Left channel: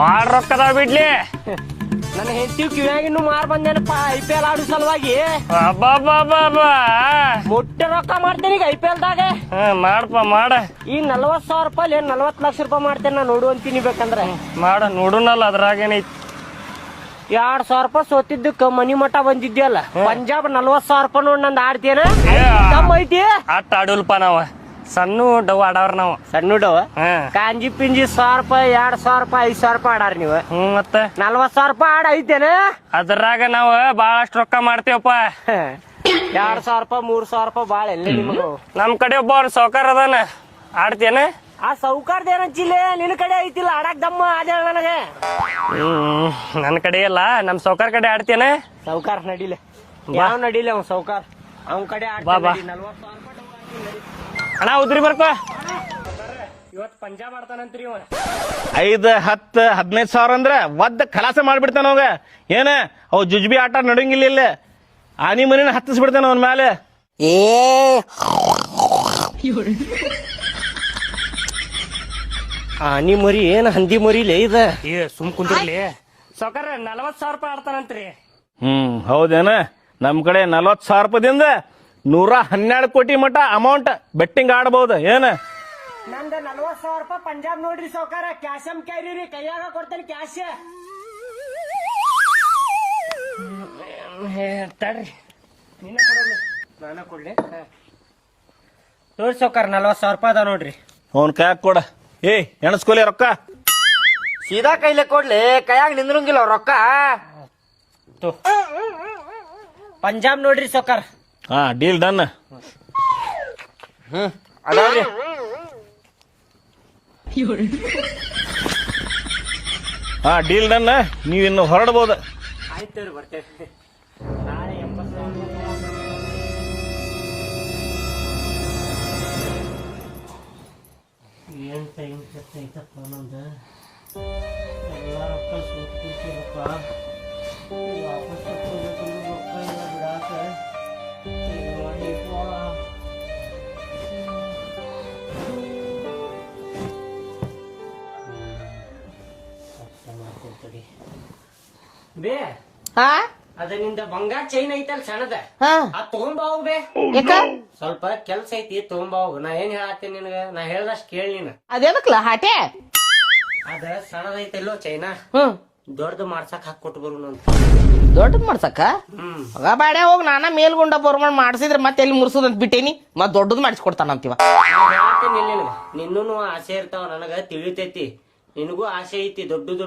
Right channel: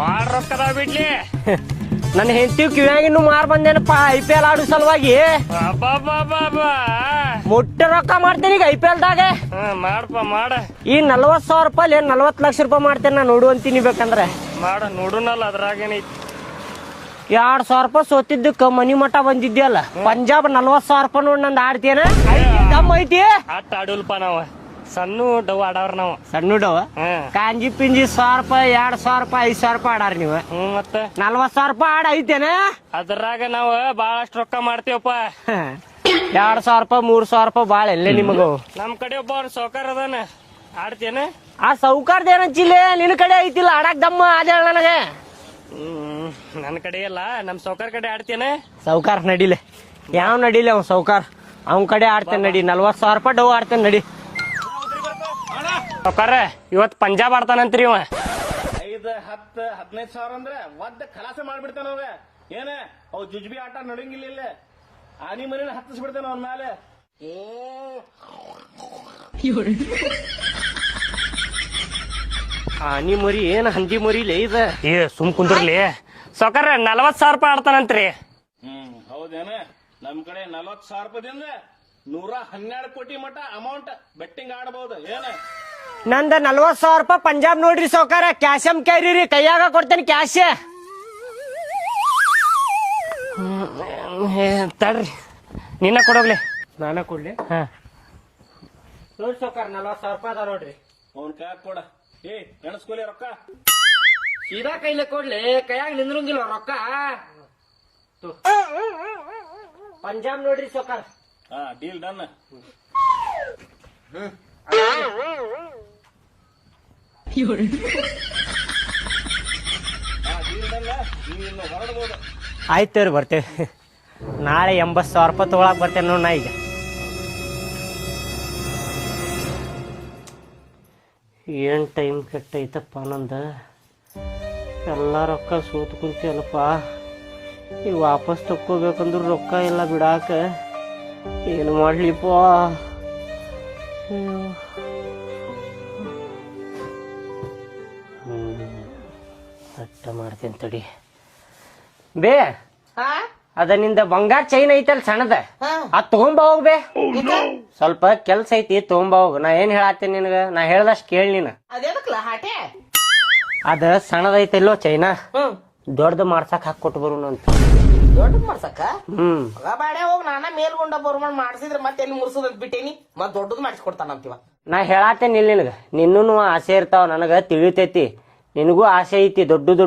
ಬಾಳ್ ರೊಕ್ಕದ ಬಿಡ್ಲಿ. ನನ್ನ ಹೆಂಡತಿ ಕಿವ್ಯಾಗಿನ್ನು ಮಾರ್ ಬಂದೇನಪ್ಪ IPL ಆಡು ಸಲುವಾಗಿ. ಮುಟ್ಟ ರೊಕ್ಕ ಮಾಡ್ತೀನಿ ಈಗ IPL ದಾಗ. ಮಾಡಪ್ಪ ಮಾಡ. ಈ 40,000 ರೂಪಾಯಿ 40 ಲಕ್ಷ ರೂಪಾಯಿ ಮಾಡ್ತೇನೆ ನಾ ನೋಡು ಅಂತೀನಿ ಬೇಕಂದ್ರೆ. ಮಾಡ ನೋಡುನಲ್ಲ ಅದ್ರಾಗೇನೈತಿ. 2,000 ರೂಪಾಯಿ ಸೋತಿದ್ದಕ್ಕ ಮನಿ ಮಠ ಬಂದಿದ್ಯಲ್ಲ. ಪಂಜಾಬ್ 40,000 ರೂಪಾಯಿ ನೋಡಿ ನಂದು ಆಡ್ತೇನೆ ತಮ್ಮ ಐತಿ. ಆಟ ಆಡುಲ್ಪ ನಾವ ಸಣ್ಣ ಡವ್ ಆಡವ್ರ ನಾವು. ಸಣ್ಣ ಡವ ಕಾಂಜಿ ಪಿಂಜಿ 1,000 ರೂಪಾಯಿ 2,000 ರೂಪಾಯಿ 5,000 ರೂಪಾಯಿ ಆಡಾರ ನೀವು. ಮತ್ತೆ 40,000 ರೂಪಾಯಿ ಆಡ ಐತೇನೆ. ಅದ್ರಾಗ ನಾವ್ ಬಾಳಷ್ಟು ರೊಕ್ಕ ಮಾಡ್ತೇವಪ್ಪ. 2,000 ರೂಪಾಯಿ 3,000 ರೂಪಾಯಿ ಬಾಳ ಎಲ್ಲ ನಿಮಗ. ನಮ್ ಕಡೆ ಒಬ್ಬ ಅವ್ರ ಸಾವ್ಕಾರ ಅದಾನ. ಆಡ್ತೇನೆ ಆ ಸೌಕಾರ್ದ ಏನಂಚಿಲ್ಲ ನಿನ್ ಕಡೆ ಐತಿಲ್ಲ ಆಡಾಕ್ ದಮ್ಮ ಅದೇ ನನಗೆ. ನನ್ ಕಡೆ ಇಲ್ಲ ನಮ್ ಸಾವ್ಕಾರ ಕಡೆ ಆಡ್ತೇನೆ. ಸೌಕಾರ ನಡಿಲೆ ಯಾವ ನಡಿಲೆ ಅವ್ನ ಸೌಕಾರ ಅವ್ನ ಕಡೆ ಆಡ್ತೇನೆ ನಡಿ. 40,000 ರೂಪಾಯಿ ಡವ್ ಆಡ್ತೇನೆ ನಡಿ. ಅಣ್ಣ ಉದ್ರಿ ಬರ್ಕೋ ಸಾವ್ಕಾರ. ಇವತ್ ಪಂಜಾಬ್ ಆಡ್ತಾನಂತ್ರಿ ಇವ. 5, 10, 15 ಸಾವಿರ ಅಂದ್ರೆ ಒದ್ದ ಖಲಾಸ ಮಾಡ್ಬಿಡ್ತಾನ ಅವಾಗ. ಏನ ಅವ್ ಜುಜ್ಬಿ ಆಟ ನಡಂಗಿಲ್ಲ ಇಲ್ಲ. ಆನಿ ಮನಿನ ಹತ್ತಿಸ್ಬಿಡ್ತಾನ ಅವನ ಮೇಲೆ. ಆನಿ ಮರಿ ಏನ್ ಹಂದಿ ಮರಿಲೇ ಇದ. ಸುಮ್ ಕುಂದ್ರಲಿ ಸಾವ್ಕಾರ. 40,000 ರೂಪಾಯಿ ಆಡ್ತಾನಂತ್ರಿ. ಹೌದೇನ. ನಮ್ ಕಡೆ 40,000 ರೂಪಾಯಿದಿಂದ 112 ಕೋಟಿ ಮಟ ಅಮೌಂಟ್ ಬೆಟ್ಟಿಂಗ್ ಆಡಬಹುದು. ಏನ ನಂದ 40,000 ರೂಪಾಯಿ ಪಂಜಾಬ್ ನೋಡ್ರಿ ಸೌಕಾರ. ಕ್ಯಾಶಮ್ ಕ್ಯಾರಿ ಕೈಯಾಗ ಕೊಡ್ತೇನೆ ಕ್ಯಾಶ್. ತಡ್ರಿ ನಿನ್ನ ಕೊಡೋಗ್ಲಿ. ನಾನ ಕೊಡ್ಲಿ ನೋಡಿ ಸೌಕಾರ. 40,000 ರೂಪಾಯಿ ಅದ ನೋಡ್ರಿ. ಅವನ್ ಕೈಯಾಗ ಕೊಡ. ಎಣಸ್ಕೊಲಿ ರೊಕ್ಕ. ಸೀದಾ ಕೈಲೆ ಕೊಡ್ಲಿ ಕೈಯಾಗ ನಿಂದ್ರಂಗಿಲ್ಲ ರೊಕ್ಕ. ಪಂಜಾಬ್ ನೋಡ್ರಿ ಸೌಕಾರ. Deal done. Deal done. ನೀವಿನ್ನು ಹೊರಡ್ಬೋದು. ಆಯ್ತು ರೀ ಬರ್ತೇವೆ. ನಾಳೆ 80,000 ರೂಪಾಯಿ ತಗೊಳಕ್ ಬರ್ತೇನೆ ನೋಡಿ ನಾ ಈಗ. ಏನ್ ಟೈಮ್ ಕೆಟ್ಟೈತಪ್ಪ ನಂದ. ಎಲ್ಲ ರೊಕ್ಕ ಸೋತ್ ಕುಂತಿಯಲ್ಲಪ್ಪ. ಈಗ ವಾಪಸ್ ತಕ್ಕೋಬೇಕಂದ್ರೆ ರೊಕ್ಕ ಇಲ್ಲ ಬಿಡಾಕ. ಏನು ಮಾಡ್ಲಿಪ್ಪ. ಸಟ್ಟ ಮಾಡ್ತೀನಿ ತಡಿ ಬೇ. ಅದ ನಿಂದ ಬಂಗಾರ ಚೈನ್ ಐತಲ್ ಸಣ್ಣದ ಅದ್ ತಗೊಂಬ ಹೋಗ್ಬೇ. ಸ್ವಲ್ಪ ಕೆಲ್ಸ ಐತಿ ತಗೊಂಬ ಹೋಗ್. ನಾ ಏನ್ ಹೇಳತ್ತೇನೆ ನಿನಗ. ನಾ ಹೇಳ್ದಷ್ಟ್ ಕೇಳಿ ನೀನ್. ಅದೇನಕ್ಲ ಹಾಟೆ ಅದ ಸಣ್ಣದ ಐತಲ್ಲೋ ಚೈನಾ. ದೊಡ್ಡದು ಮಾಡ್ಸಕ್ ಹಾಕೊಟ್ಟು ಬರೋಣ ಅಂತ. ದೊಡ್ಡ ಮಾಡ್ಸಕ್ಕ ಮಗ ಬಾಡೆ ಹೋಗ್. ನಾನ ಮೇಲ್ಗುಂಡ ಬೋರ್ಮಂಡ್ ಮಾಡ್ಸಿದ್ರೆ ಮತ್ತೆ ಎಲ್ಲಿ ಮುರ್ಸೋದಂತ ಬಿಟ್ಟೇನಿ. ಮತ್ ದೊಡ್ಡದು ಮಾಡಿಸ್ಕೊಡ್ತಾನಂತೀವ. ನಾ ಹೇಳತ್ತೇನೆ ನಿನಗ. ನಿನ್ನೂ ಆಸೆ ಇರ್ತಾವ ನನಗ ತಿಳಿತೈತಿ. ನಿನಗೂ ಆಸೆ ಐತಿ ದೊಡ್ಡ ದೊಡ್ಡ